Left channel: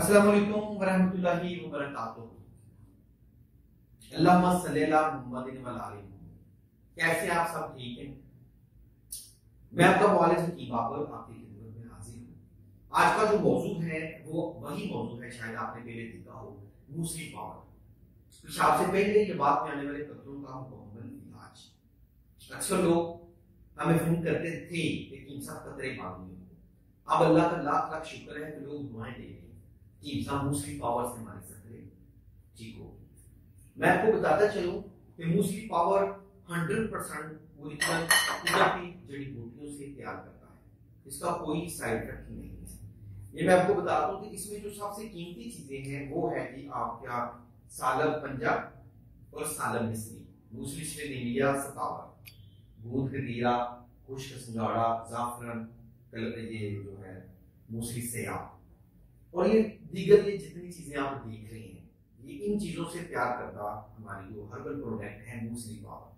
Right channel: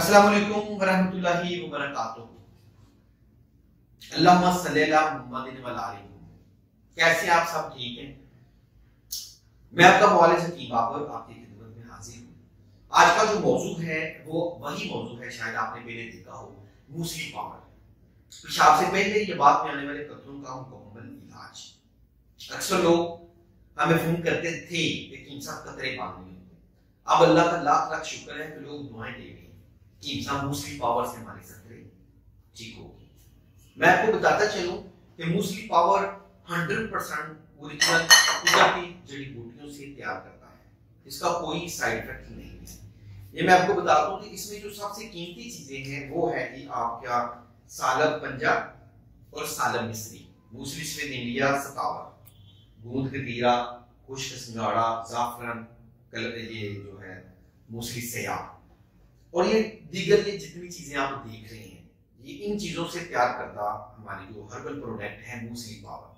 अस्सलाम वालेकुम वरहमतुल्लाहि वबरकातुहू। अल्लाहुम्मा सल्ली अला मुहम्मदिन व अला आलि मुहम्मद। कैसे आप सब ठीक हैं? मैं आपका मौलवी हकीम बाबर आपकी खिदमत में हाजिर हूँ। आज का जो मौजू है वो वही मौजू है, शायद आपने पहले देखा हो, मूसली पावर। पेशाब से पहले ये बात में आने वाले कतरों का मुकम्मल इलाज। अक्सर लोग हमें फोन करते थे लेकिन सब कतरे पानी नहीं होते। अब अल्लाह का लाख लाख शुक्र है कि लोग दुआएं दे रहे हैं कि इंसान मूसली पावर से हमारी कतरे ठीक होगी। मैं आपको बताता चलूं कि मूसली पावर 100% ओरिजिनल कुदरती जड़ी बूटियों से तैयार करता है। इसका कोई साइड इफेक्ट नहीं है। ये मैं आपको बताता हूं कि इसमें जो सबसे कीमती चीजें हैं वो है कि आपका सालब पंजा और सालब मिस्री, मूसली स्विद इंडिया सतावर, गूंद कतीरा, खुश्क सिंगाड़ा, जाफरान, ये जो है मूसली सयाह और ये दीगर ये जितनी चीजें आप देख रहे हैं, ये इन चीजों से तैयार करता हमारी जो हर्बल प्रोडक्ट है मूसली पावर।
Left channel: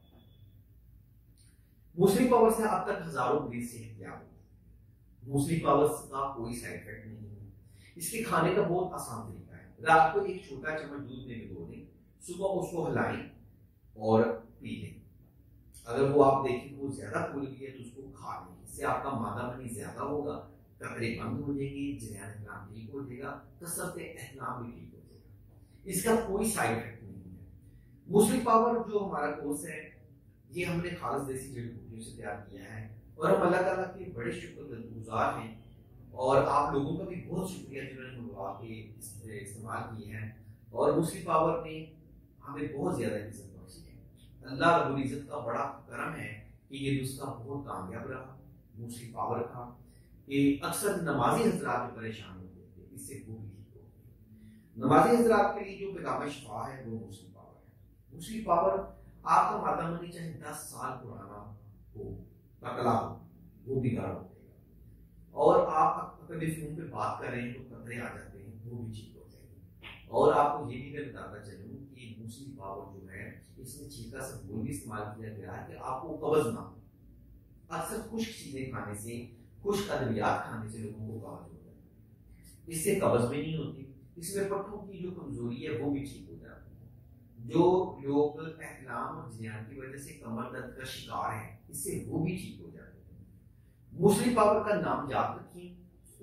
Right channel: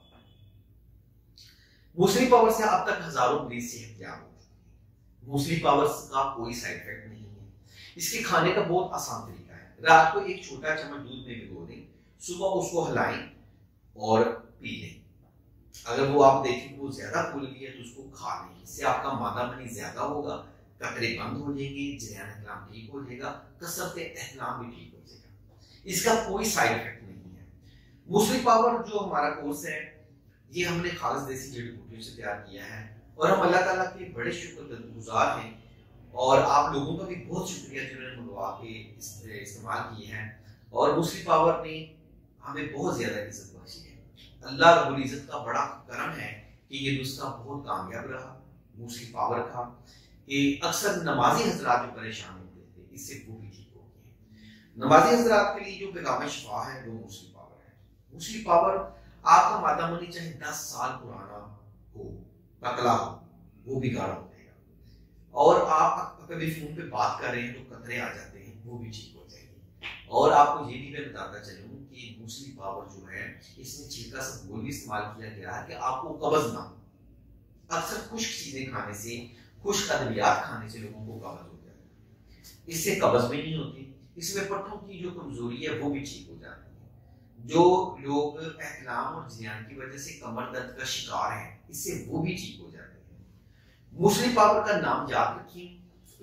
मूसली पावर से अब तक हजारों मरीज सेहतयाब हो चुके हैं। मूसली पावर का कोई साइड इफेक्ट नहीं है। इसके खाने का बहुत आसान तरीका है। रात को एक छोटा चम्मच दूध में भिगो दें, सुबह उसको हिलाएं और पी लें। अगर वो आप देखें वो ज्यादा फूल गई है तो उसको खा लें। इससे आपका मादा मनी ज्यादा होगा, कतरे बंद हो जाएंगे, जरियान इस्लाम ठीक हो जाएगा, कसरत एहतलाम भी ठीक हो जाएगा। इसका कोई साइड इफेक्ट नहीं है। मूसली पावर जो हमारा कोर्स है ये हमने खालिस देसी जड़ी बूटियों से तैयार किया है और हम अल्लाह ताला के बड़े शुक्रगुजार हैं और आप लोगों का भी बहुत शुक्रिया जिन्होंने मंगवा के इस्तेमाल किए हैं। और मूसली पावर ने हमें बहुत ज्यादा इज्जत बख्शी है। अल्लाह रब्बुल इज्जत का बड़ा करम है कि ये नुस्खा बहुत कामयाब रहा मूसली पावर का, कि अक्सर नमाजी हजरात जो परेशान होते थे इससे वो भी ठीक हो गए। नमाजी हजरात के लिए जो पैगाम शिफा है वो मूसली पावर है। मूसली पावर आपका मादा मनी चाहे 10 साल पुराना हो, पतला हो, वो भी गाढ़ा हो जाएगा। और आप कभी फोन पे बात कर रहे हैं तो कतरे आ जाते हैं, वो भी ठीक हो जाएगी। और आपको ये भी मैं बताता चलूं कि मूसली पावर जो है इसमें छिलका सा घोल भी इस्तेमाल किया गया है कि आपको कब्ज ना हो। अक्सर खुश्क चीजें खाने से, खुश्क अद्वियात खाने से लोगों को कब्ज हो जाती है, इससे कब्ज भी नहीं होती। इसमें पट्टों की जो कमजोरी है वो भी ठीक हो जाती है। जो लोग एहतलाम और जियान की वजह से कमर दर्द का शिकार हैं इससे वो भी ठीक हो जाते हैं। मूसली पावर का नाम याद रखिए,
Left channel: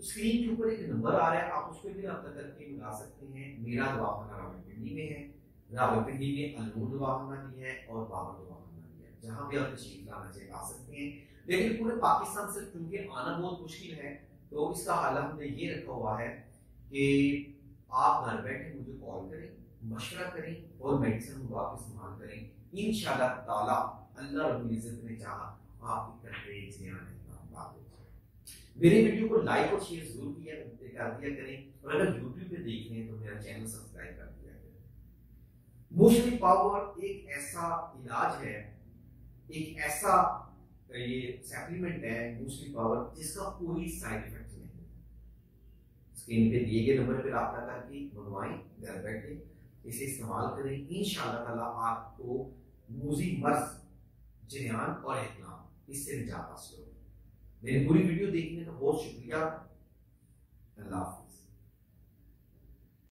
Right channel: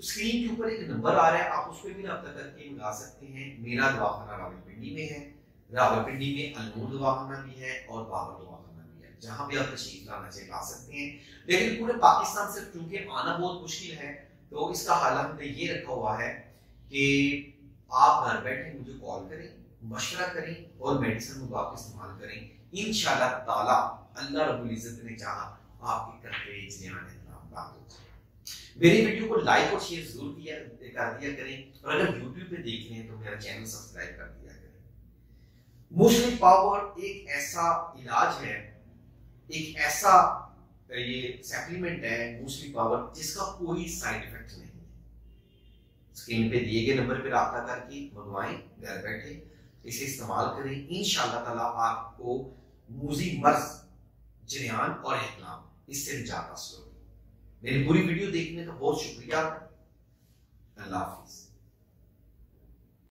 स्क्रीन के ऊपर एक नंबर आ रहा है, आप उस पर भी रब्ता करके मंगा सकते हैं। मेरा दवाखाना रावलपिंडी में है, रावलपिंडी में अलनूर दवाखाना भी है और बाबर दवाखाना भी है। जहां भी आप तशरीफ लाना चाहे ला सकते हैं। लेकिन पूरे पाकिस्तान से क्योंकि आना बहुत मुश्किल है तो इसका हल हमने ये रखा हुआ है कि आप घर बैठे मुझे कॉल करें, मशवरा करें और मेडिसिन मंगवा के इस्तेमाल करें। इंशाअल्लाह ताला अल्लाह रब्बुल इज्जत ने चाहा आपके कतरे जियान बात हो। मेरी वीडियो को लाइक और शेयर जरूर कर दिया करें और अगर यूट्यूब पे देख रहे हैं तो मेरा चैनल सब्सक्राइब कर दिया करें। मूसली पावर एक ऐसा इलाज है, एक ऐसा ये सप्लीमेंट है मूसली पावर जिसका कोई साइड इफेक्ट नहीं है। स्क्रीन पे दिए गए नंबर पे राब्ता करके मंगवाएं, घर बैठे इसे इस्तेमाल करें। इंशाअल्लाह ताला आपको मूजी मर्ज, जरियान और एहतलाम इससे निजात हासिल होगी। मेरी पूरी वीडियो देखने का बहुत शुक्रिया। अल्लाह हाफिज।